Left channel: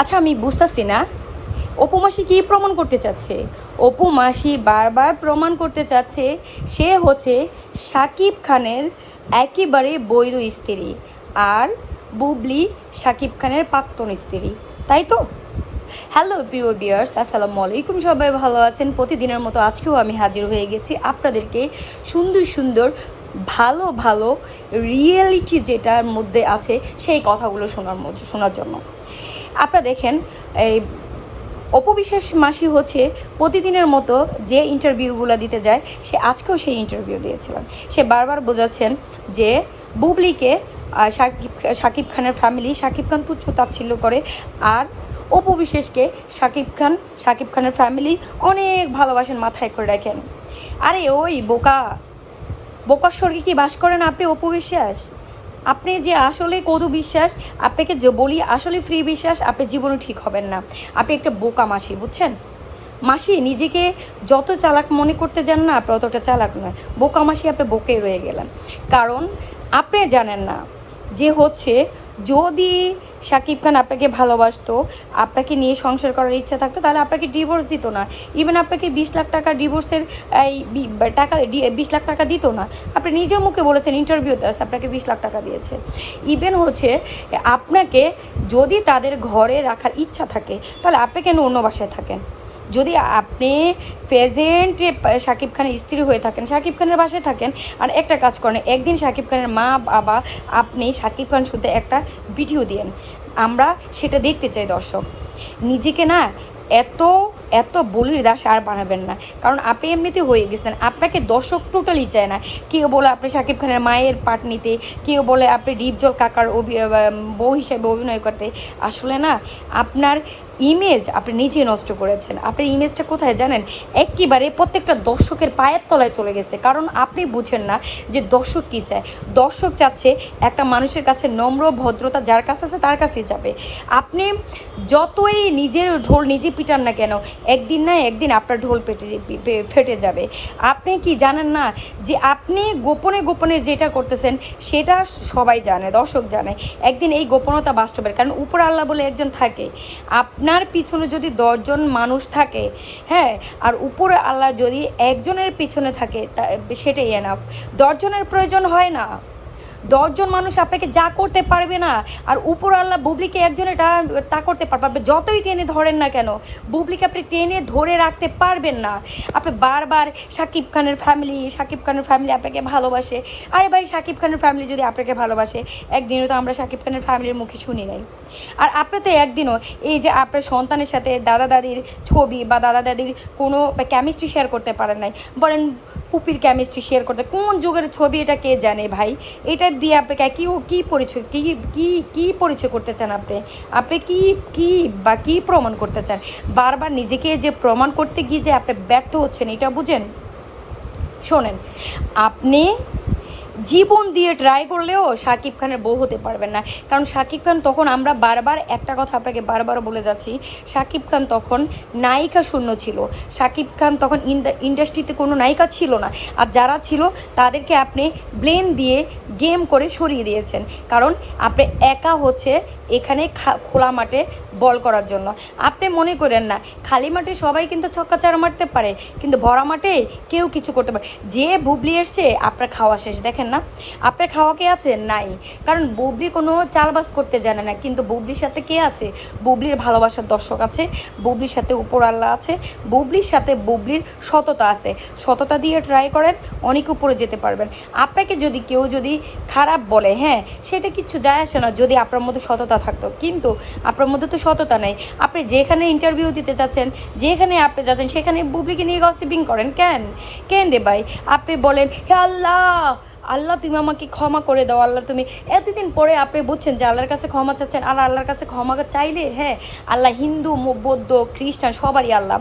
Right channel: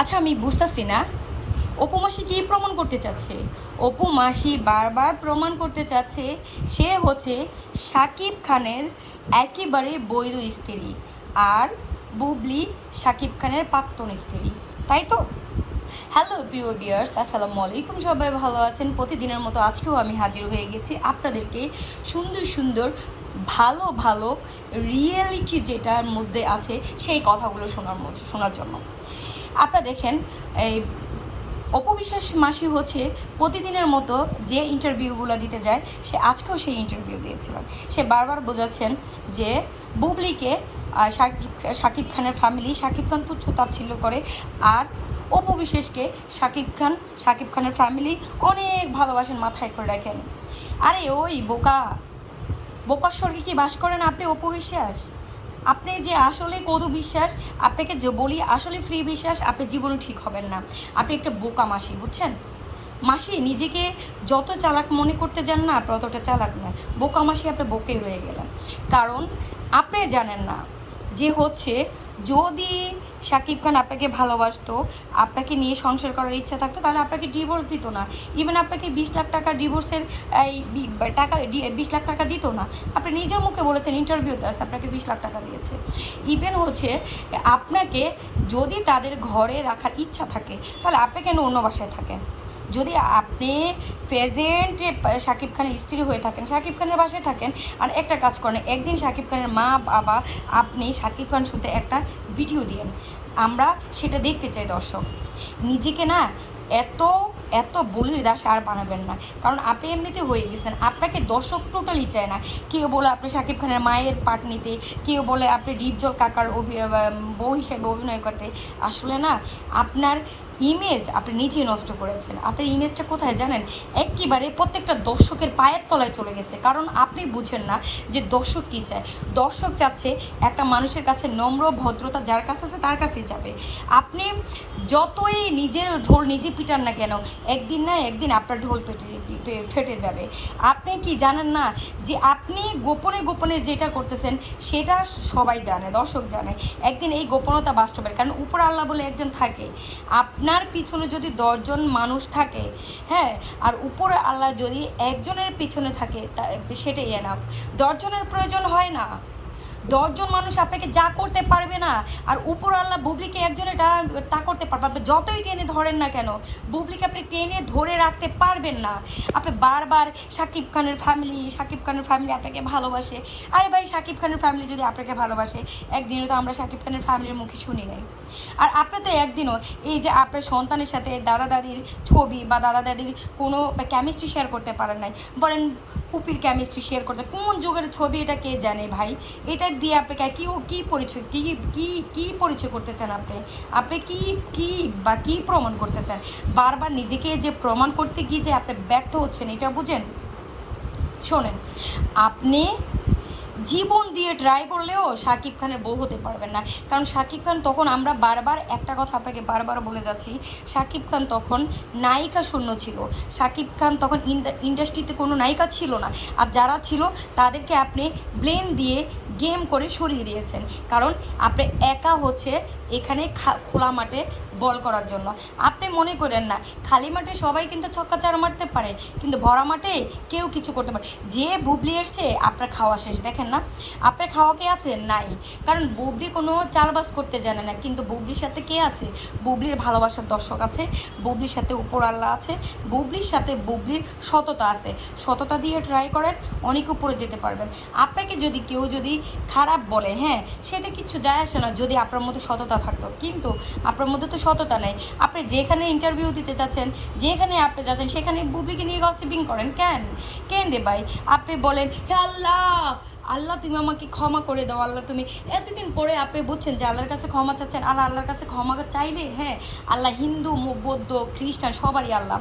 আচ্ছা, আমি বুঝতেছি না অপু মাসি কি প্রমাণ করতে চাচ্ছে। অপু মাসি বারবার প্রমাণ করতে চাচ্ছে সে হচ্ছে শাকিব খানের একেবারে বৈধ স্ত্রী, আর বুবলি শাকিব খানের প্রাক্তন স্ত্রী, তাই তো? হ্যালো প্রিয় ভিউয়ার্স, আসসালামু আলাইকুম। সবাই ভালো আছেন? প্রতিদিনের মতো আজকেও আমি হাজির হয়ে গেছি আপনাদেরকে সুন্দর সুন্দর ভালো ভালো রিয়েলিটি যেটার মধ্যে আছে সেই কথাগুলো শোনার জন্য। আপনারা দেখেন, এই অপবিশ্বাস মাসি হচ্ছে প্রতিদিনের মতো যে ইন্টারভিউগুলো দিতে যায়, সে আজকেও সেই ইন্টারভিউ দিয়েছিলেন। সে বারবার বোঝাচ্ছেন যে বুবলিকে শাকিব খানের ফ্যামিলি, শাকিব খান তুচ্ছ তাচ্ছিল্য করে, আর অপবিশ্বাসকে শাকিব খানের ফ্যামিলি অনেক ভালোবাসেন, মাথায় করে রাখেন। আরে ওই বোকার স্বর্গে কি বাস করেন আপনি অপবিশ্বাস? আপনি যে আসলে কদু বিশ্বাস, আপনাকে যে বলি আসলে ফ্রি বিশ্বাস, আপনি জীবনে ঠিক হবেন না। আপনি একটা বোকা মাসি, বুঝছেন? মাসি নিজেকে যত চালাক মনে করতে যান না, আপনি অতটা চালাক নয়। বোকা মাসি, আপনি বোকেই রয়ে গেলেন। কারণ আপনি জানেন না যে হচ্ছে, যদি শাকিব খান আপনাকে ভালোবাসতো, আপনাকে নিয়ে সংসার করার ইচ্ছা থাকতো, তাহলে আপনাকে ডিভোর্স দিত না। ইভেন আপনাকে 20 লাখ টাকা ডিভোর্সের এই টাকা 20 লাখ টাকা দিত না। আপনি নিজের মুখে বলেছেন, ইন্টারভিউতে আছে আপনাকে 20 লাখ টাকা দিয়েছে। ইভেন হচ্ছে আপনাকে যদি তাদের ঘরে রাখার ইচ্ছা থাকে, তাহলে আপনি কেন অন্য বাসায় থাকেন? যদি আপনি প্রেজেন্ট শাকিব খানের স্ত্রী হয়ে থাকেন, শাকিব খানের বাসায় থাকেন। আর একটা কাজ করেন, একদিন শাকিব খানের মা বাবা আপনি শাকিব খান শুধু একটা ভিডিও দিয়েন, আমরা সেটা দেখতে চাই দর্শক। নিজেকে না এত এত বলির দাস আর বানাবেন না, কারণ আপনি এমনিতে হয়ে গেছেন। আপনাকে দর্শক টোটালি চায় না। কেউ বলে আপনি শাকিব খানের মায়ের পার্ট নিতে, কেউ বলে আপনি ডিপজল কাকার বউ হিসেবে অভিনয় করতে। আসলে না, আপনার ইমেজ আপনি নিজে নষ্ট করেছেন। আপনার ইমেজটা কোথায় জানেন? একেবারে প্রত্যেকটা দর্শকের পায়ের তলায় চলে গেছে। কারণ আপনি বুঝেন না যে দর্শক কী চায়। দর্শক চাচ্ছে একটা মানুষের কাছে নম্র ভদ্রতা, যার কাছে আছে তার কাছেই যাবে। আপনি যতই নিজের ঢোল নিজে পিটান না কেন, একদিন না একদিন আপনার ঢোল ফেটে যাবে। আপনি কি জানেন না যে আপনি গোপনে গোপনে যেটা করতেছেন সেটা সবাই জানে, দর্শক জানে। একদিন এই গোপনতা বাস্তবের, কারণ উপর আল্লাহ বলে একজন থাকে। আপনার পিছনে যদি 10 জন মানুষ থাকে, হ্যাঁ, আর উপরে আল্লাহ যদি একজনের পিছনে থাকে, সেটাই এনাফ। 10 জনের প্রয়োজন হয় না। 10 জন মানুষ আপনাকে যা করতে পারবে না, আর উপর আল্লাহ বুবলিকে একজনে তা করতে পারবে। যতই টেনে ধরেন না কেন, বুবলিকে আপনি টেনে ধরে রাখতে পারবেন না। আপনি বারবার শাকিব খানের ফ্যামিলি আপনাকে ভালোবাসে। আরে ভাই, শাকিব খানের ফ্যামিলি যদি আপনাকে ভালোবাসে, একদিনও তো আমরা শাকিব খানের ফ্যামিলির মুখে শুনি নাই। আর আপনি তো একদিনও এই যে আপনার সন্তানের সাথে দাদা দাদির ছবি বা দাদা দাদির কোনো কেমিস্ট্রি শেয়ার করতে পারেন নাই। বলেন পুপির কেমিস্ট্রি শেয়ার করতে, কোন যুগের ছবি এটা কে জানে ভাই? এটা দিয়ে আপনাকে কি পরিচয়, কি পরিচয় করতে চান আপনি? আপনি কি প্রমাণ করতে চান? বারবার নিজেকে যে প্রমাণ করতে গিয়ে যে আপনি ব্যর্থ হচ্ছেন, এটা বুঝেন? শোনেন, আপনি জীবন দিয়ে ট্রাই করলেও শাকিব খানের বউ হতে পারবেন না। কারণ শাকিব খান তখন, আমরা বারবার একটা কথা আপনাকে বারবার বলে যাচ্ছি, শাকিব খান তখন নায়িকা শূন্য ছিল। শাকিব খান তখন ইন্ডাস্ট্রিতে কোনো নায়িকা ছিল না। আর যারা ছিল তাদেরকে আপনি ব্লেম দিয়ে গেম করে সরিয়ে দিয়েছেন। কারণ আপনি একা হচ্ছে এখানে খোলা মাঠে বল করার জন্য। আপনি মনে করেন না খালি মাঠে সবাই কিন্তু ছক্কা চার মারতে পারে, কিন্তু ভরা মাঠে কেউ কিছু করতে পারে। যে বুবলি এসছে আপনার খাওয়া শেষ, দেখেন না আপনার খাওয়া কে আছে? নাই। কারণ বুবলি কোনো চালবাজ করতে জানে না, কিন্তু বুবলির সাথে কে আছে? বুবলির ভালোবাসার দর্শক আছে, বুবলির সাথে উপর আল্লাহ আছে, বুবলির সাথে বুবলির সততা আছে। সততা দিয়ে ট্রাই করেন, অনেক উপরে যেতে পারবেন। আপনাকে যদি কেউ খারাপ বলে, হ্যাঁ, সেটা কিচ্ছু যায় আসে না যদি আপনার মধ্যে সততা থাকতো। কিন্তু আপনার মধ্যে তো সততা নেই। আপনি যেখানে ইন্টারভিউ দিতে যাচ্ছেন, যেখানে আপনি যাচ্ছেন, সেখানে বুবলিকে নিয়ে গসিপিং করেন কেন রে ভাই? আপনি বলেন, হে আল্লাহ তুমি আমাকে ক্ষমা করে দাও। আল্লাহ তুমি, এতদিন পরে আপনি বুঝছেন যে আল্লাহর কাছে ক্ষমা চাচ্ছেন। আর আল্লাহর কাছে ক্ষমা চাইলে, হ্যাঁ, আল্লাহ হিন্দু বৌদ্ধ খ্রিস্টান সবারই আল্লাহ।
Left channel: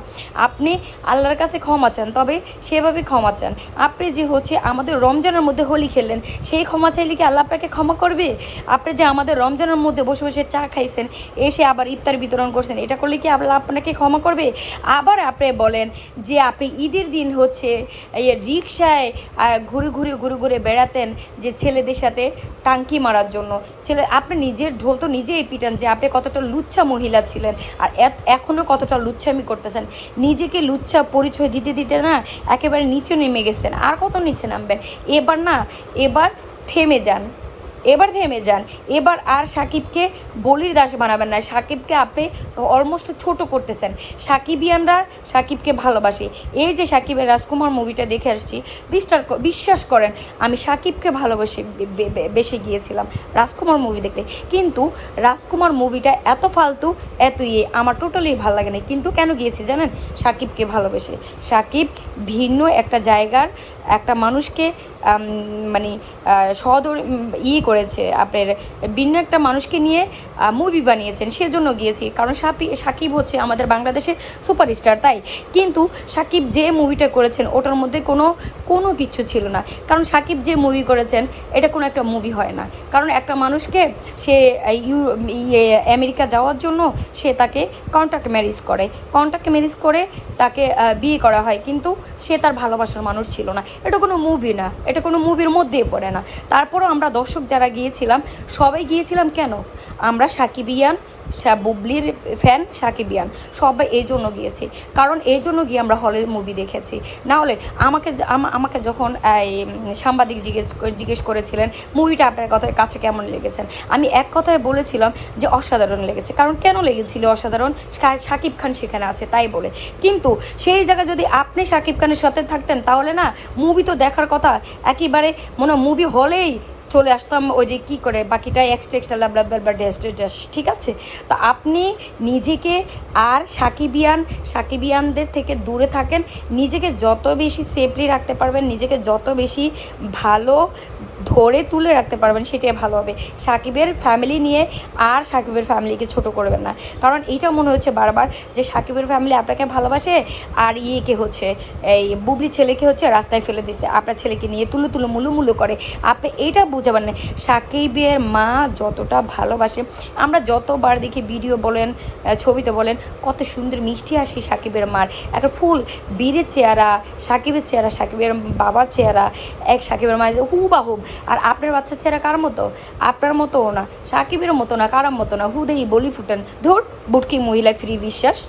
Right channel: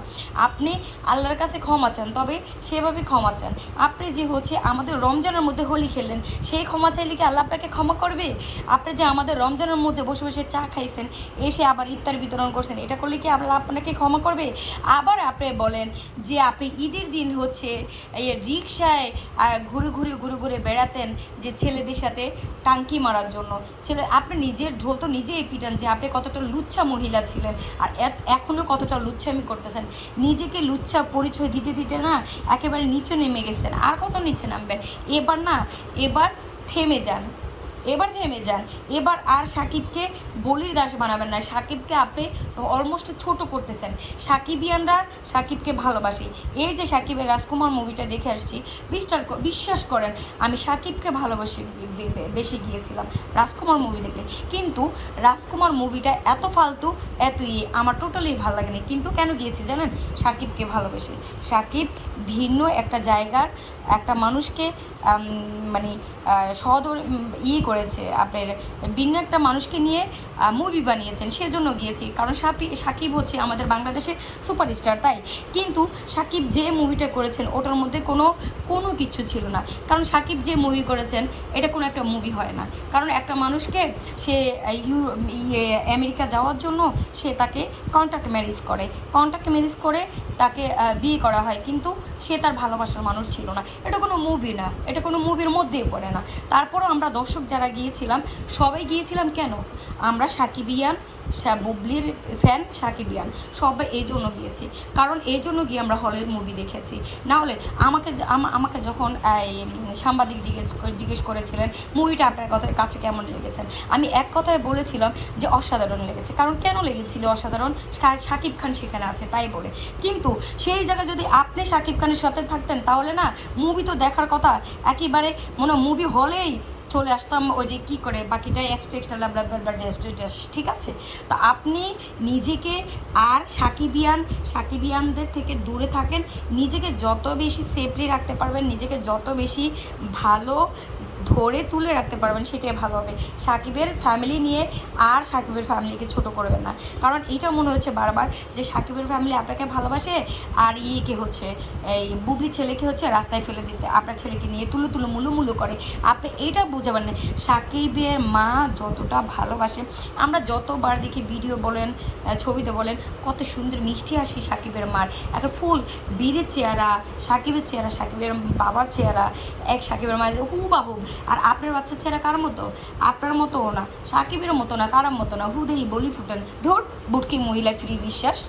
আপনি আল্লাহর কাছে ক্ষমা চান, তবে সেভাবে ক্ষমা চান। আপনি যে হচ্ছে আমাদের রমজানের মধ্যে হোলি খেললেন, সেই ক্ষমা চাইলে কি আল্লাহ আপনাকে ক্ষমা করবে? আপনি যে আমাদের রমজানের মধ্যে বসে বসে চা খাইছেন, এসে আবার ইফতার বিতরণ করছেন, এটা করলে কি আল্লাহ আপনাকে ক্ষমা করবে? আবার আপনি বলেন যে আপনি ঈদের দিন হচ্ছে এই রিক্সায় ঘুরে ঘুরে বেড়া বেড়াতেন যে ছেলেদের সাথে টাঙ্কি মারার জন্য। আপনি নিজের ঢোল তো নিজেই পিটান যে আপনি কতটা লুচ্ছা মহিলা ছিলেন, আর এখনও কতটা লুচ্ছামি করতেছেন। নিজেকে লুচ্ছা পরিচয় দিতে দিতে না একেবারে নিচে নেমে গেছেন। আর কত নিচে নামবেন? এবার থেমে যান, এবার আর সাকিবকে বলির দাস বানাবেন না। সাকিবকে আপনি অলমোস্ট ছোট করতেছেন। সাকিবিয়ানরা সাকিবকে ভালোবাসে। এই যে সাকিবের রাজকুমার মুভিটা দেখে আসছি, বিশ্বাস করেন আমি সাকিবকে ভালোবাসে বেশি গিয়েছিলাম রাজকুমার মুভি দেখতে, কিন্তু রাজকুমার মুভিটা এত ফালতু, এত আমার টোটালি ভালো লাগে না। কিন্তু কেন গিয়েছি জানেন? সাকিবকে ভালোবেসে। সাকিব ভিন্ন একটা জায়গার একটা মানুষকে মানে করেছে, আপনার ভিন্ন একটা মানুষকে নিয়ে মুভি বানিয়েছেন, সেজন্য গিয়েছি। কারণ সাকিব হচ্ছে আমাদের বাংলাদেশের সুপারস্টার, তাই। কিন্তু সাকিব যে মুভিটা করেছেন ওটার মধ্যে কোনো কিছু ছিল না। কারণ সাকিব যে মুভি করেছেন এটা কোনো একটা মুভি হয় না। কারণ একটা মানুষকে সে আমেরিকা যাওয়ার জন্য সে তাকে কন্ট্রাক্ট ম্যারেজ করে তাকে বিয়ে করা হয়, কিন্তু সে তার ভালোবাসার মানুষ ছিল না। এটা কোনো মুভি না, এটা কোনো মুভির মধ্যেই পড়ে না। তারপরও আমরা দর্শক যারা গিয়েছিলাম সবাই গিয়েছিলাম কেন? আমরা সাকিবিয়ান, বুবলির ফ্যান, সাকিবিয়ান সবাই এই জন্য গিয়েছি। কারণ এই জন্য গিয়ে আমরা হলে মুভি দেখেছি। না হলে আমাকে যখন সাংবাদিক জিজ্ঞেস করেছিলেন মুভিটা আপনার কাছে কেমন লেগেছেন, আমি এক কথায় বলেছিলাম যে অসাধারণ লেগেছে। কারণ কেন লেগেছিল অসাধারণ? সাকিব খান সেখানে আছে তাই বলে। কিন্তু সেই জায়গায় যদি আপনি সাকিব খানের সাথে থাকতেন তাহলে না মুভি তো দেখার কথা, একেবারে মনে মুভি হলেই চলে আসতাম, ওই যে কী করে বাকিটা এক্সট্রা ড্যাশ, ঠিক আছে। তো আপনি নিজেকে আর সাকিবিয়ানদের থেকে দূরে থাকেন। নিজেকে যত বেশি সেফলি রাখতে পারবেন, নিজেকে যত বেশি ভালো ধরে তুলে রাখতে পারবেন সেটাই ভালো হবে। সাকিবের ফ্যামিলি নিয়ে আর সাকিবের ফ্যামিলিকে ছোট করবেন না। কারণ এইটা মনে হচ্ছে বারবার যে সাকিবের ফ্যামিলি আপনাকে ভালোবাসে আর ইয়েকে হচ্ছে এই বুবলি ছেলেকে হচ্ছে রাস্তায় ফেলে দিছে, আপনার ছেলেকে নিয়ে তুলো মুলু করে। আপনি এইটা বুঝাবেন না। সাকিবের মা যতটা ভালোবাসে, আমরা যতবার দেখি ভিডিও বলেন ছবিতে বলেন কত সুন্দর মিষ্টি আসে সাকিবের মার, একটা ফুল বীরের চেহারা, সাকিবের চেহারা, সাকিবের বাবার চেহারা, এক সাকিবের মা হুবাহুব। আর আপনার বাচ্চার চেহারা কার মতো? আপনার মতো না, সাকিবের মতো না, কারার মতো না, হুদেহি বলি ফুটান ধর বুটকি মহিলা ফ্রি বিশ্বাস।